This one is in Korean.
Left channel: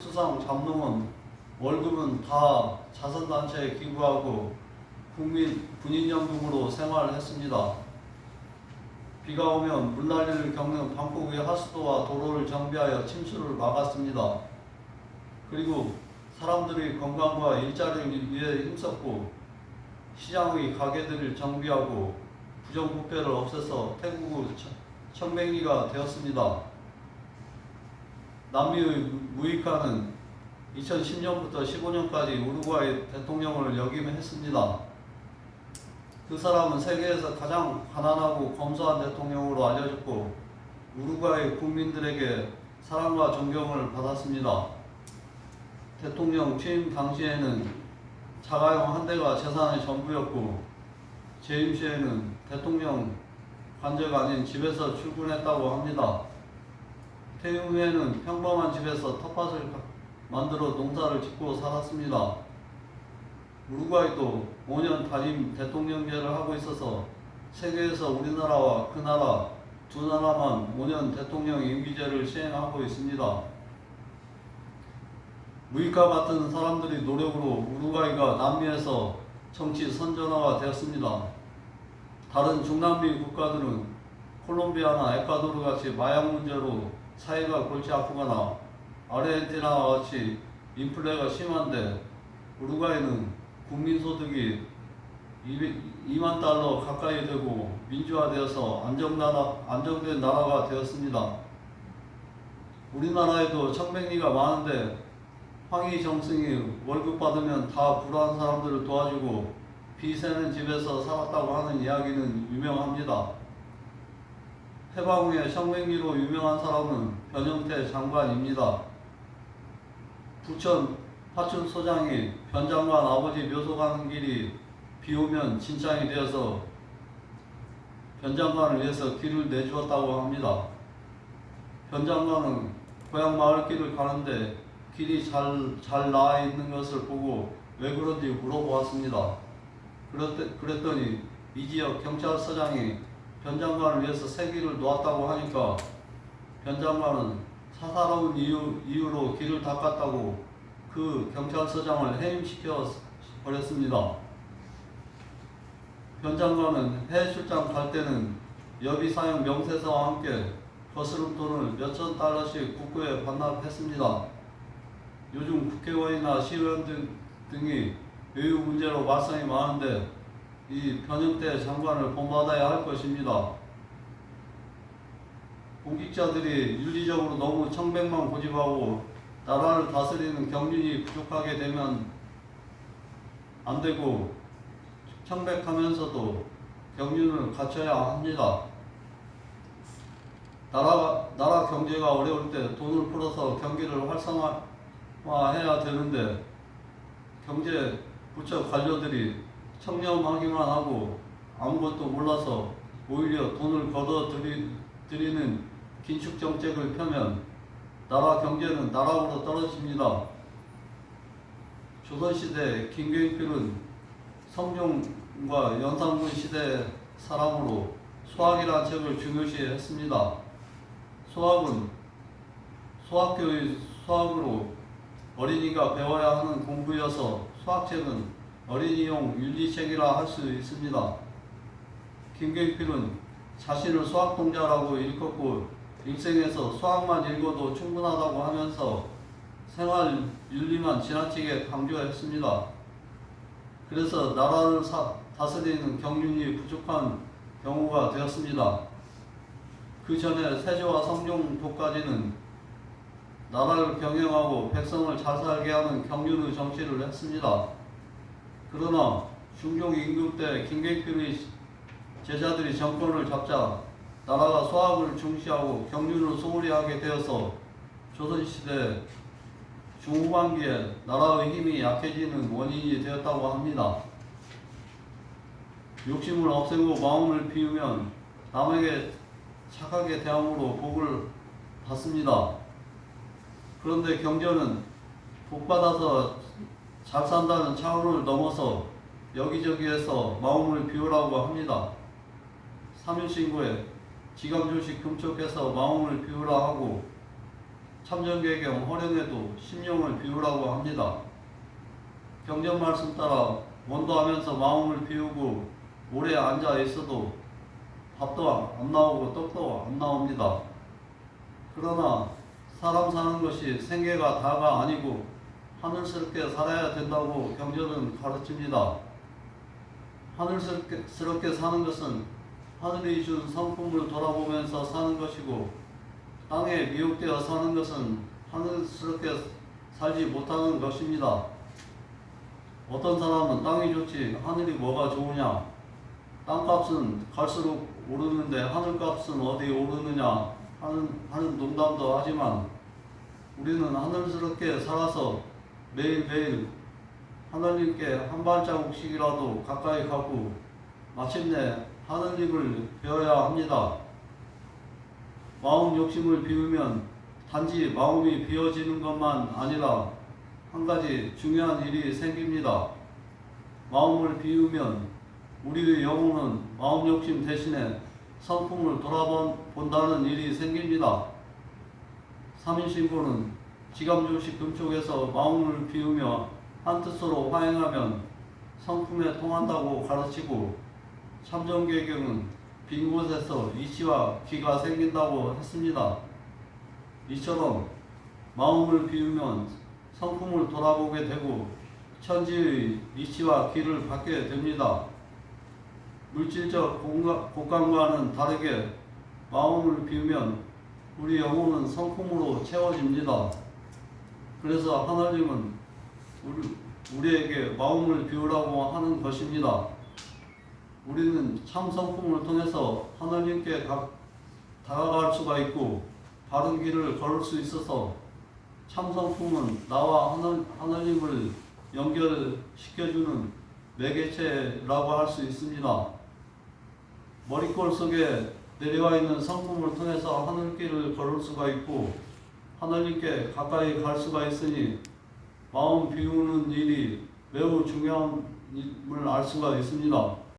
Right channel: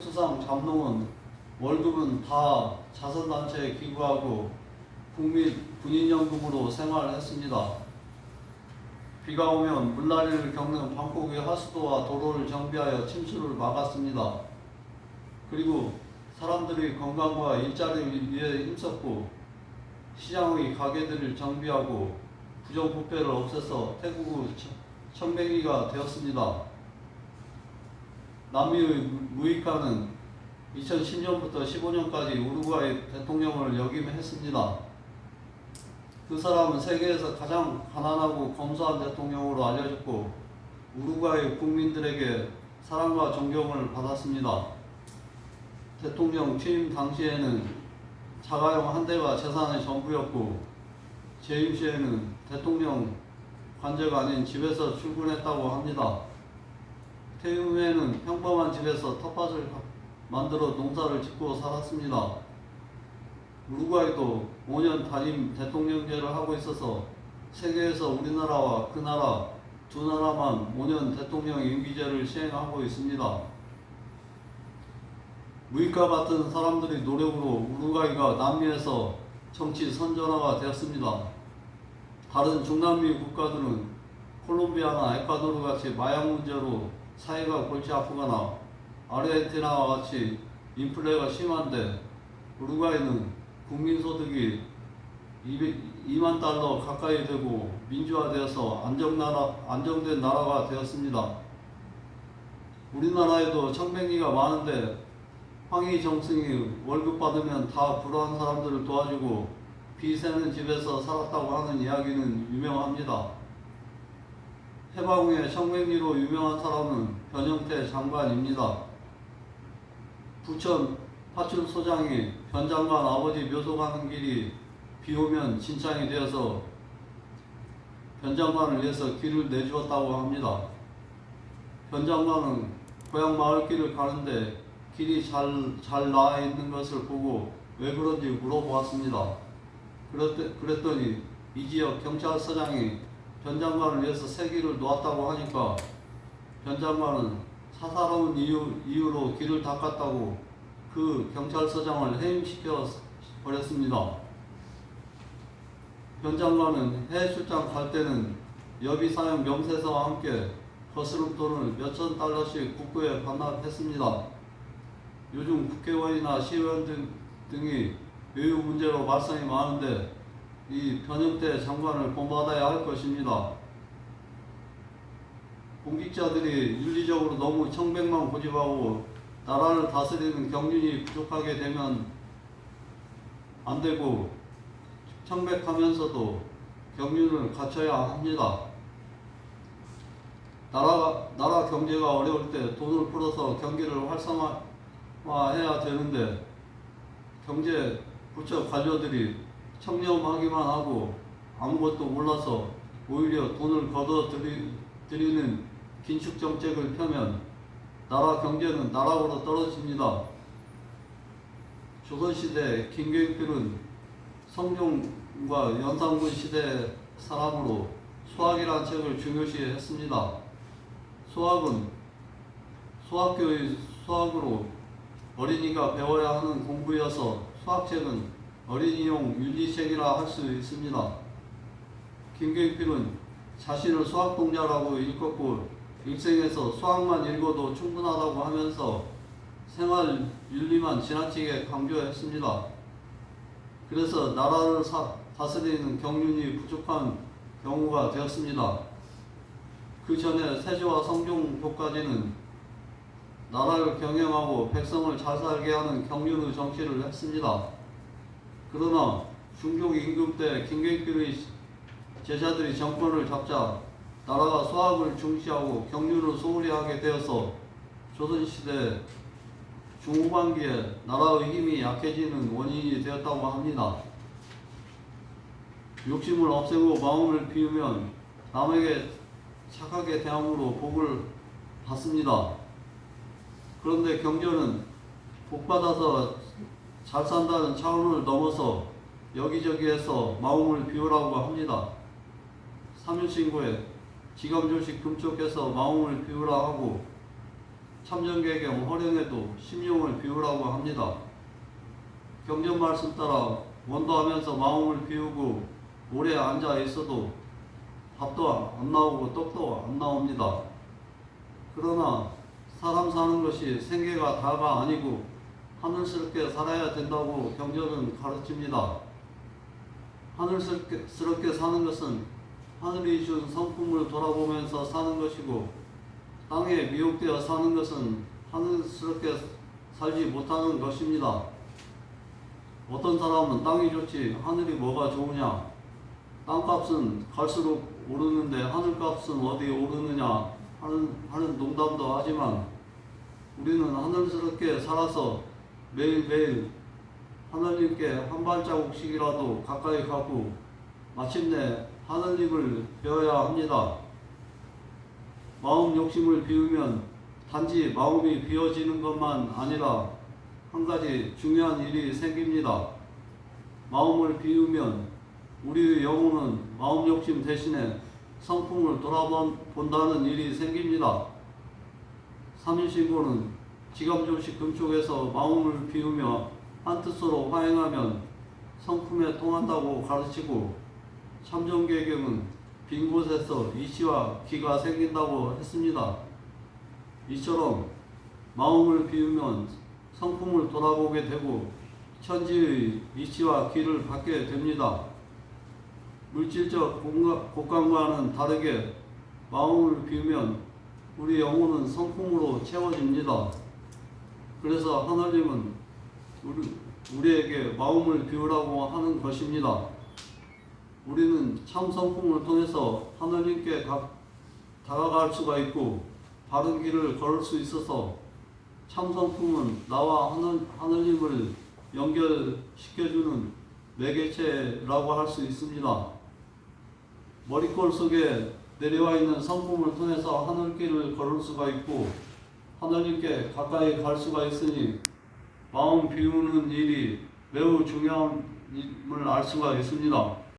수상 잠룡은 월급은 다 자선단체에 기부하고 군인연금으로 생활했습니다. 비가 오면 물난리를 겪는 방콕의 하수도와 도로를 정비하여 침수를 막았습니다. 그리고 사람들의 건강과 일자리를 위해 힘썼고 시장의 가게들을 정비하고 부정부패를 없애서 태국의 청백리가 되었습니다. 남미의 무이카는 2010년부터 15년까지 우루과이 대통령을 역임했습니다. 그 사람은 세계에서 가장 가난하고 검소한 대통령으로 알려졌고 우루과이 국민들에게 사랑과 존경을 받았습니다. 대통령 취임 당시에는 자가용 한 대가 재산의 전부였고 재임 시에는 대통령 관저가 아닌 집에서 출근했다고 합니다. 퇴임 후에는 평범한 집에서 텃밭을 만들어 농사를 짓고 살았습니다. 우루과이도 5년 단임 대통령제를 하고 있어서 세계에서 우리나라와 그 나라 두 나라만 5년 대통령 임기제를 시행하고 있습니다. 무이카 같은 사람들의 노력으로 우루과이가 남미에서 정치 선전화가 되었습니다. 다른 중남미 국가들은 콜롬비아나 에콰도르 같이 마약 문제로 사회가 골치 아프거나 아르헨티나와 같이 인플레가 심한데 우루과이는 국민소득이 2만 달러 가까이 되고 민주화되어서 안정된 나라가 되었습니다. 우리나라에도 청백리가 많은데 황희 정승이 월급 받으면 다 불우한 사람들을 도와주고 비 새는 집에서 살았다고 하는 이야기는 유명합니다. 해방 후에 청백리로 유명한 사람은 변형태 장관입니다. 부천 파춘소장이 변 장관 아버지 묘소 가는 길이 비 오면 진창이 되어서 변 장관을 위해서 길을 내주었다고 합니다. 변 장관은 고향 마을길을 가는데 길이 잘 나와 있는 것을 보고 왜 그런지 물어보았습니다. 그랬더니 이 지역 경찰서장이 변 장관을 위해서 새 길을 놓았다고 하니까 변 장관은 사사로운 이유로 길을 닦았다고 그 경찰서장을 해임시켜 버렸습니다. 변 장관은 해외 출장 갈 때는 여비 사용 명세서와 함께 거스름돈을 몇천 달러씩 국고에 반납했습니다. 요즘 국회의원이나 시의원 등이 외유 문제로 말썽이 많은데 이 변형태 장관을 본받아야 할 것입니다. 공직자들이 윤리적으로 너무 청백만 고집하고 나라를 다스리는 경륜이 부족하게 되면 안 되고 청백하면서도 경륜을 갖춰야 합니다. 나라 경제가 어려울 때 돈을 풀어서 경기를 활성화해야 되는데 경제 부처 관료들이 청렴하기만 하고 아무것도 몰라서 오히려 돈을 걷어들이는 긴축 정책을 펴면 나라 경제는 나락으로 떨어집니다. 조선시대 김교익필은 성종과 연산군 시대 사람으로 소학이라는 책을 중요시했습니다. 소학은 소학교의 소학으로 어린이가 배워야 하는 공부여서 소학책은 어린이용 윤리책이라 할 수 있습니다. 김교익필은 자신을 소학동자라고 일컫고 일생에서 수학만 읽어도 충분하다고 하면서 생활 윤리만 지나치게 강조했습니다. 그래서 나라를 다스리는 경륜이 부족한 경우가 되었습니다. 그 전에 세조와 성종도까지는 나라를 경영하고 백성을 잘 살게 하는 경륜의 정치를 했습니다. 그러나 중종 임금 때 김경필의 제자들이 정권을 잡자 나라가 소학을 중시하고 경륜을 소홀히 하게 되어서 조선시대 중후반기에 나라의 힘이 약해지는 원인이 되었다고 합니다. 욕심을 없애고 마음을 비우면 남에게 착하게 대함으로 복을 받습니다. 그런데 경전은 복받아서 잘 산다는 차원을 넘어서 여기저기에서 마음을 비우라고 합니다. 3일신고에 지감조식 금쪽해서 마음을 비우라 하고 참전계경 허령에도 심령을 비우라고 합니다. 경전 말씀 따라 원도하면서 마음을 비우고 오래 앉아 있어도 밥도 안 나오고 떡도 안 나옵니다. 그러나 사람 사는 것이 생계가 다가 아니고 하늘스럽게 살아야 된다고 경전은 가르칩니다. 하늘스럽게 사는 것은 하늘이 준 성품을 돌아보면서 사는 것이고, 땅에 미혹되어 사는 것은 하늘스럽게 살지 못하는 것입니다. 어떤 사람은 땅이 좋지 하늘이 뭐가 좋으냐, 땅값은 갈수록 오르는데 하늘값은 어디 오르느냐 하는 농담도 하지만, 우리는 하늘스럽게 살아서 매일매일 하늘님께 한 발자국씩이라도 가까이 가고 마침내 하늘님을 배워야 합니다. 마음 욕심을 비우면 단지 마음이 비워지는 것만 아니라 한 가지 중요한 일이 생깁니다. 마음을 비우면 우리의 영혼은 마음 욕심 대신에 성품을 돌아본다는 일이 생깁니다. 삼인신고는 지감조식 금쪽에서 마음을 비우며 한뜻으로 화행하면 성품에 통한다고 가르치고, 참전계경은 빈 곳에서 이치와 기가 생긴다고 했습니다. 이처럼 마음을 비우면 성품을 돌아보게 되고 천지의 이치와 기를 받게 됩니다. 물질적 곳간과는 다르게 마음을 비우면 우리 영혼은 성품으로 채워집니다. 그래서 하나님은 우리에게 마음을 비우라고 하는 것입니다. 우리는 참 성품을 통해서 하나님께 다가갈 수가 있고 바른 길을 걸을 수 있어서, 참 성품은 나와 하나님을 연결시켜주는 매개체라고 할 수 있습니다. 머리꼴 속에 내려와 있는 성품을 통해서 하늘길을 걸을 수가 있고 하나님께 가까이 갈 수가 있으니, 마음 비우는 일이 매우 중요함을 알 수가 있습니다.